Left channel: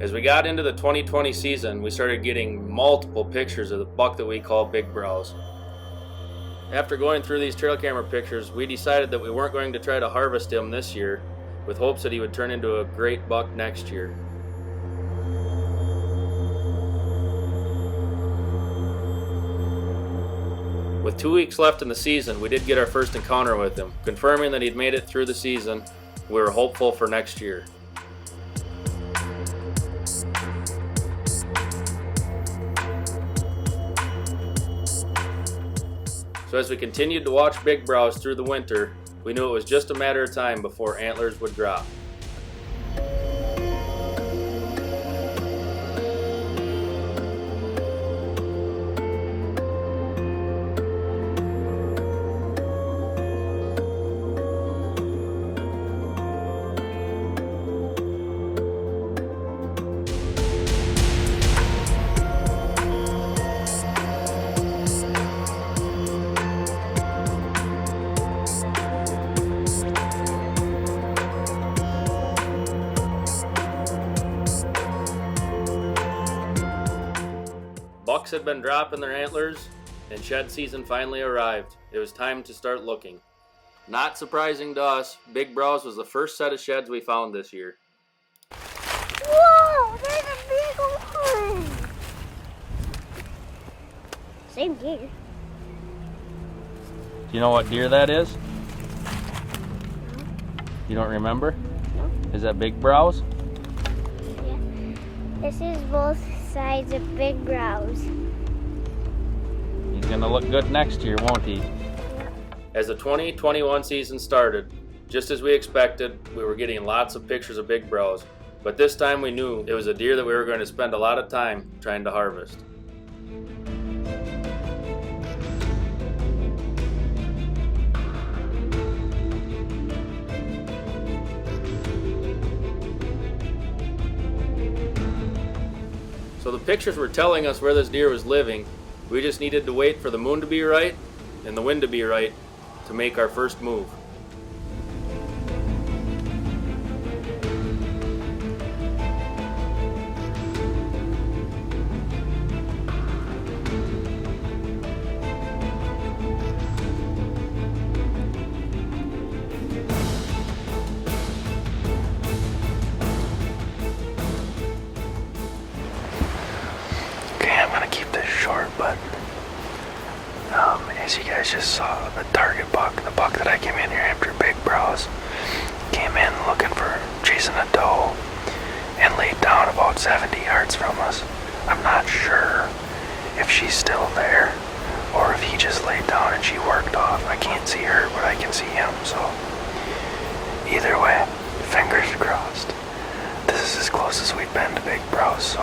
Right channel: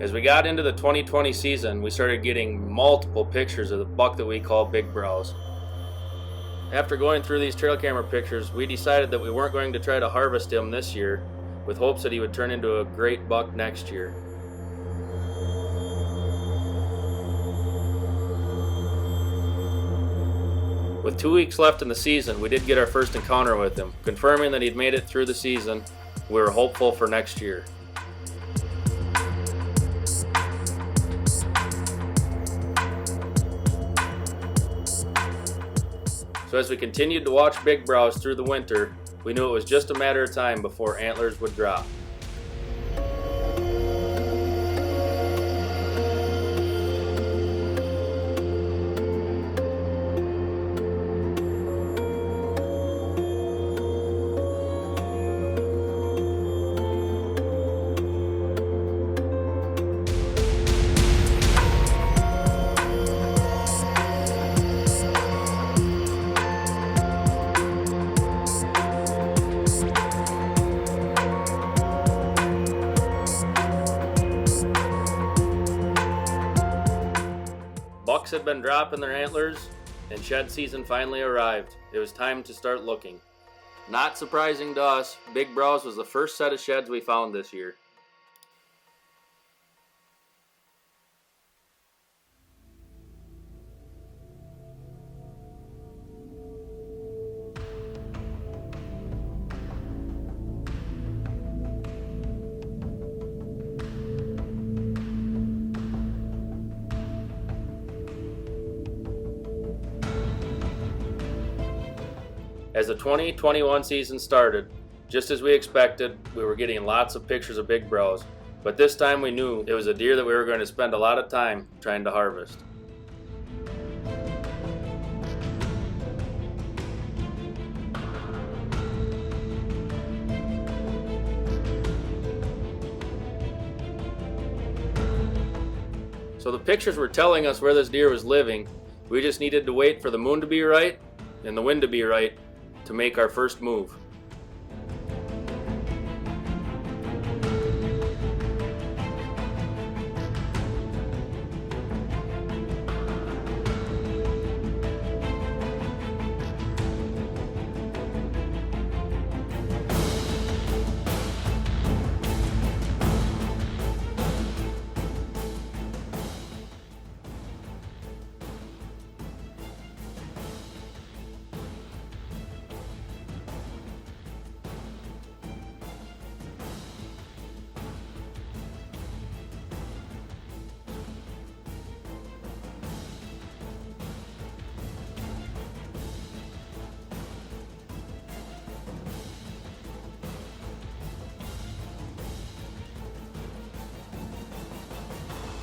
As we got into the 2020 season, we started getting multiple pictures of the buck that we call Big Browse. After going through these trail camera pictures, we decided that we weren't going to try to harvest him this year, with hopes that he would turn into a great buck next year. With 2 weeks left in the season, we did get our first encounter with him, confirming that he'd made it through the season. We were hopeful for next year. So as we continued to watch Big Browse through the winter, we knew it was just a matter of time before antlers would drop. Bucks had been dropping their antlers, and shed season finally arrived. It was time to start looking. Not surprising to us, Big Browse was the first set of sheds we found this year. Whoa, there's a big old one. Same deer. Do you know what deer that is? You don't remember? Is that Big Browse? Yeah. This is both sides of Big Browse. He's gonna look good next year, won't he? As the 2021 season started, just as we expected, we were getting lots of pictures of Big Browse, but this time we knew it was a deer that we were going to spend a lot of time trying to harvest. So the pictures were telling us where this deer was living. We just needed to wait for the moon to be right and the wind to be right to make our first move. As you guys just saw, the target buck, the buck that I came in here after, Big Browse, came in looking for chasing a doe and laid down about 70 yards from us. I'm not sure if she's still there or if he just laid down and she worked off. I can't see her, but I can see him, so either way, fingers crossed. This is as close as we've been to Big Browse, so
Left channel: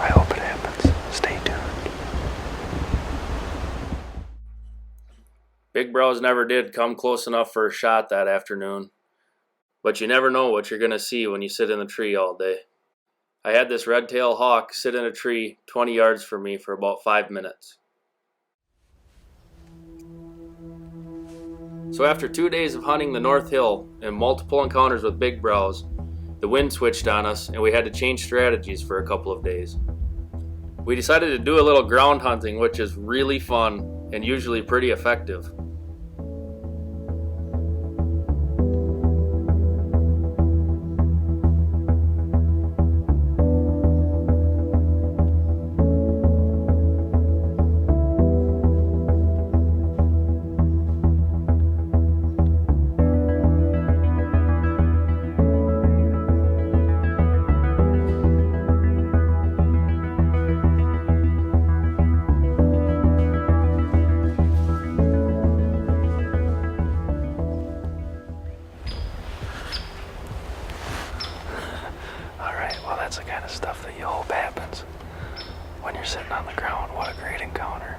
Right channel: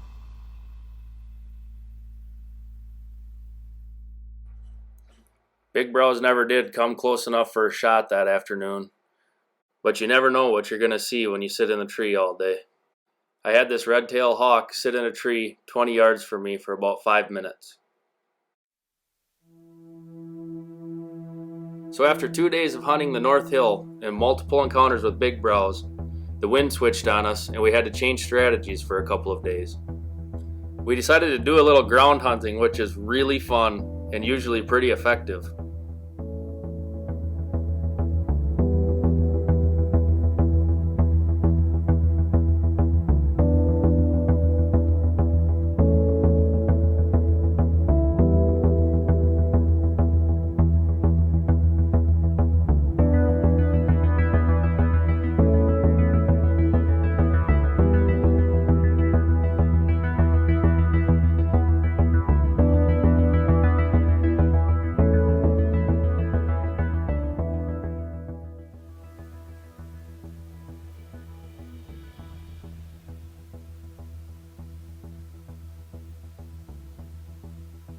I hope it happens. Stay tuned. Big Browse never did come close enough for a shot that afternoon, but you never know what you're going to see when you sit in the tree all day. I had this red-tailed hawk sit in a tree 20 yards from me for about 5 minutes. So after 2 days of hunting the North Hill and multiple encounters with Big Browse, the wind switched on us and we had to change strategies for a couple of days. We decided to do a little ground hunting, which is really fun and usually pretty effective. That's the kind of stuff that you hope happens when you're sitting on the ground. What a great encounter.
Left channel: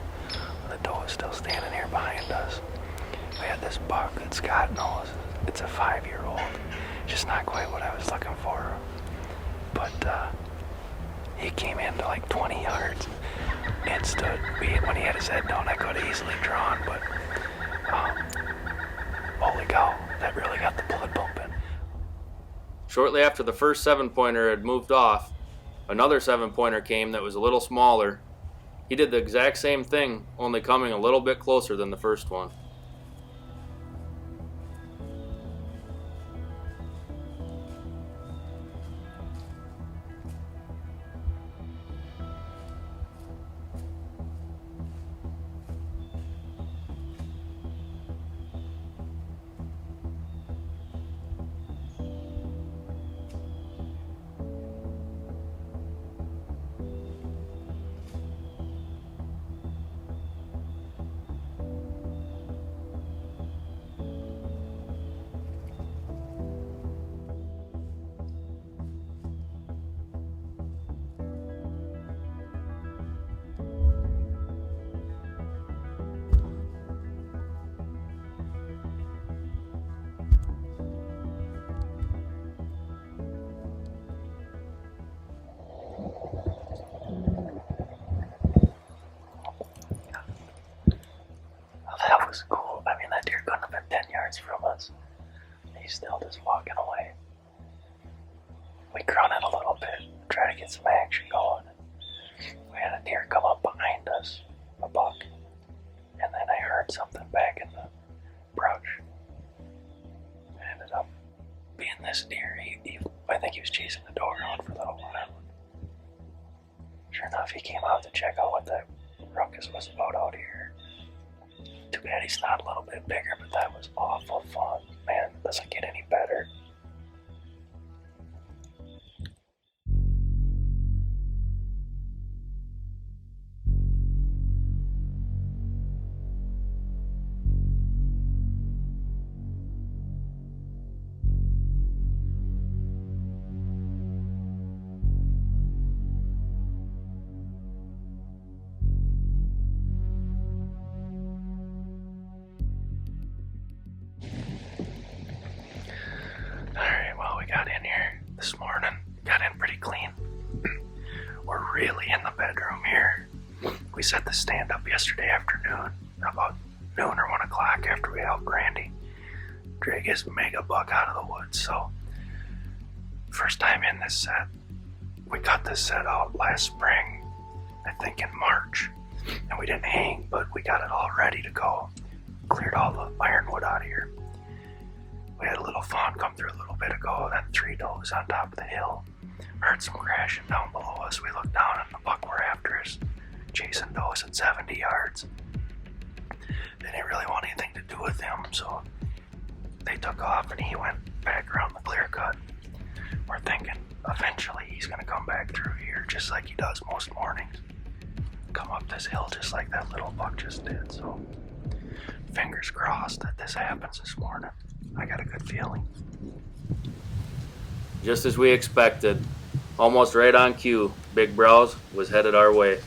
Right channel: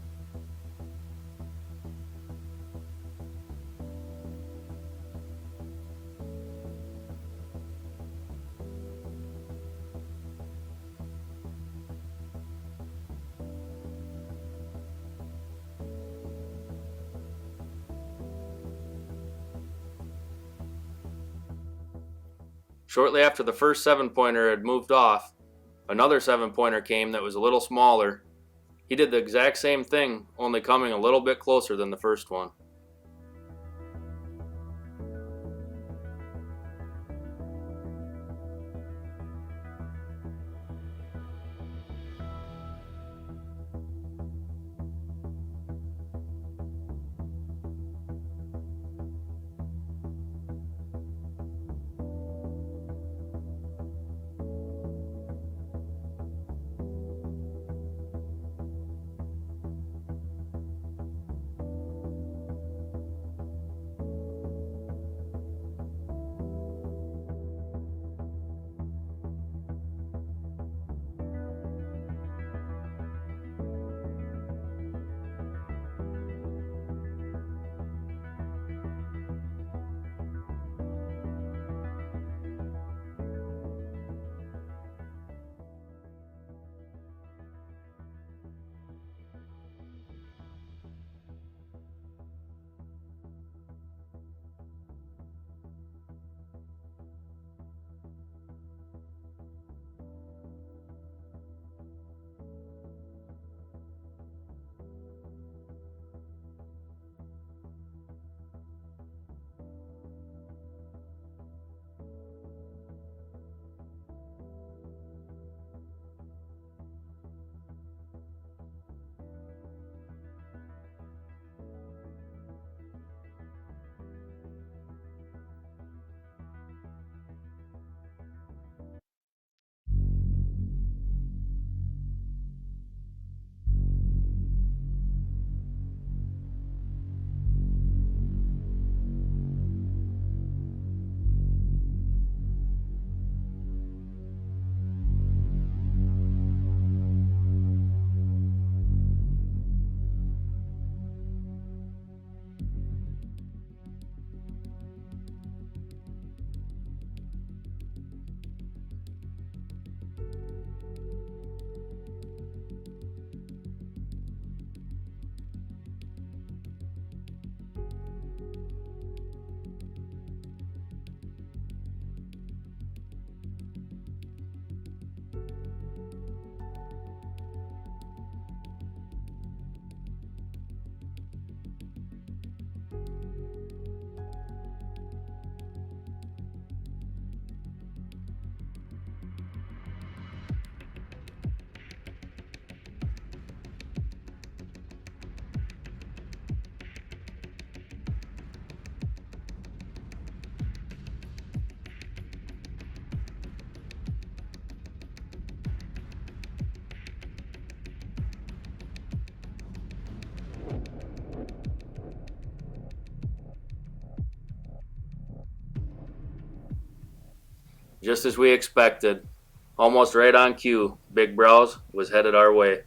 The doe is still standing here behind us. We had this buck that Scott knows. It's a 5-year-old. Just not quite what I was looking for. But he came in to like 20 yards and stood. When he had his head down, I could have easily drawn, but holy cow, that really got the blood pumping. Shortly after the first 7-pointer had moved off, another 7-pointer came that was a little smaller. He did the exact same thing, only coming a little bit closer than the first one. That was cool. I mean, that deer couldn't have been 10 yards from us. He's still just walking away. We grunted a little bit, try to get some action going. We had a deer come up behind us, a buck, and then I heard something back in the brush. It ended up being this deer. I think he was chasing the doe around for a little while. Sure enough, he came out to check out what that ruckus was about out here. Too bad he's not a little bit bigger, but that was awful fun. Man, it doesn't get any better. Alright, well, we got in here this morning. Got in pretty clean. We're really in the bedroom here. We set the stand up yesterday afternoon, about noon or 1 o'clock after we helped Randy drag his mega buck out of the woods. So, first time in this set. We got this set out last spring, I think in March. And we didn't hang, but we got it all ready to go. Cleared all the ironwood out of here. We had a little fawn come through a little bit ago, then 3 does on top of the hill. Heard some crashing down below us. We looked down and the buck we're after is chasing does at 70 yards. They didn't really want anything to do with him, so they took off and he went back around the clear cut. We're thinking eventually he's gonna come back through here just like he does most mornings. Come up this hill just like that little buck just did, so fingers crossed that this happens this morning. I got a good feeling. Just as we expected, almost right on cue, Big Browse was headed our way.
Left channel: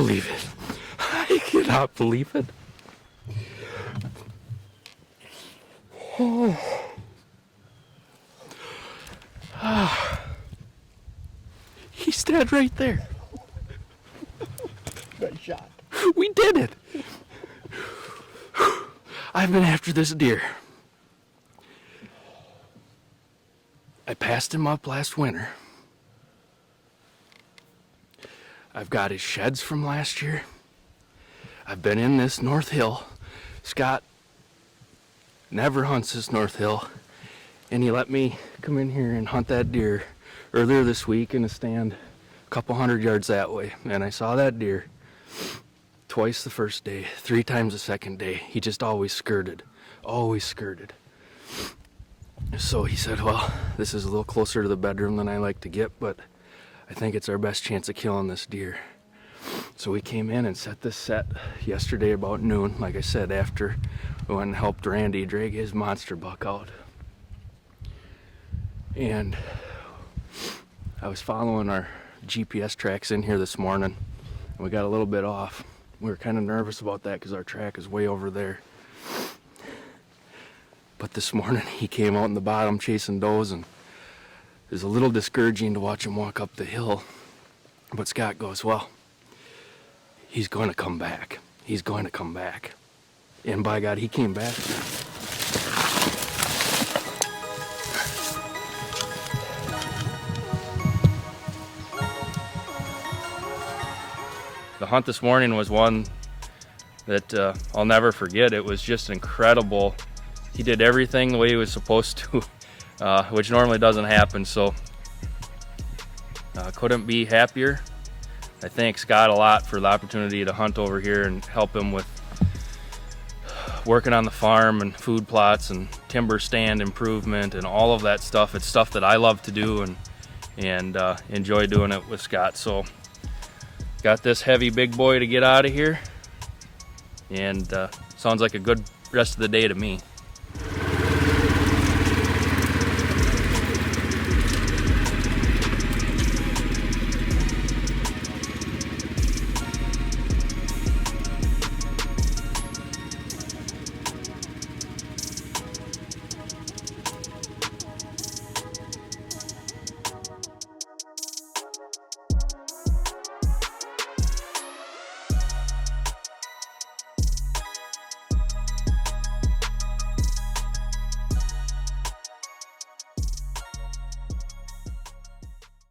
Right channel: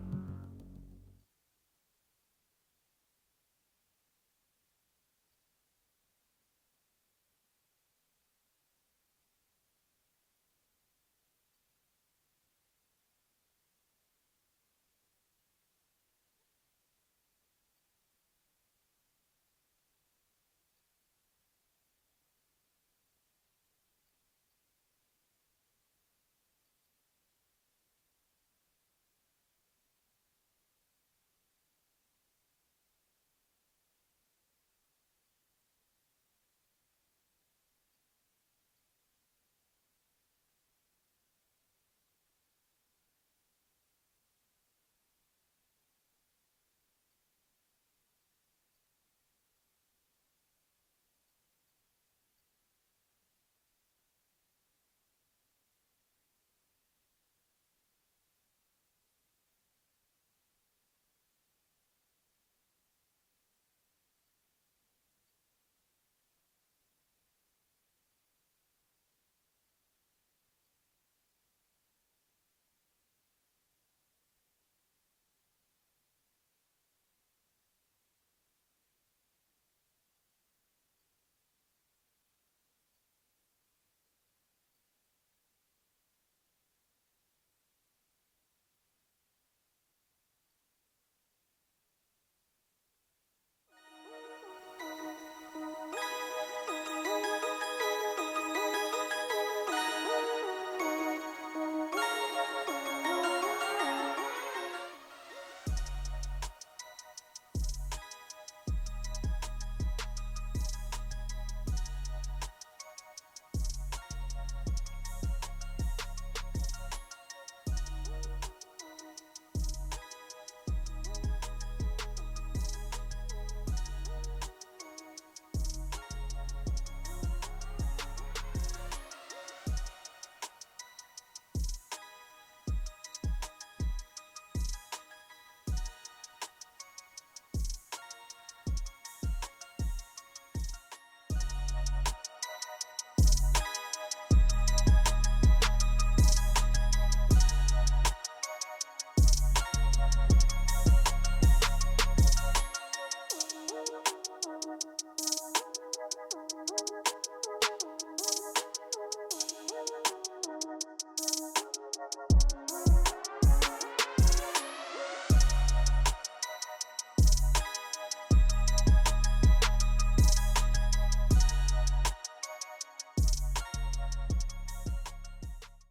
believe it. I cannot believe it. Oh. He's dead right there. Good shot. We did it. I've been after this deer. I passed him up last winter. I've got his sheds from last year. I've been in this North Hill. Scott never hunts this North Hill, and he let me come in here and hunt that deer earlier this week in a stand a couple 100 yards that way, and I saw that deer twice the first day, 3 times the second day. He just always skirted. So he said, well, this is a little closer to the bedroom than I like to get, but I think it's our best chance of killing this deer. So we came in and set this set yesterday about noon, like I said, after we went and helped Randy drag his monster buck out. And I was following our GPS tracks in here this morning, and we got a little bit off. We were kind of nervous about that because our track is way over there. But this morning he came out in the bottom chasing does, and it was a little discouraging to watch him walk up the hill. But Scott goes, well, he's going to come back. He's going to come back. And by God, he came back. The hunt this morning was one that I'll never forget. It was just incredible. He did everything the way he was supposed to, which normally doesn't happen, so couldn't be happier. I thank Scott a lot for the opportunity to hunt over here and help him with working on the farm and food plots and timber stand improvement and all of that stuff. It's stuff that I love to do and enjoy doing it with Scott. So got this heavy big boy to get out of here, and sounds like a good rest of the day to me.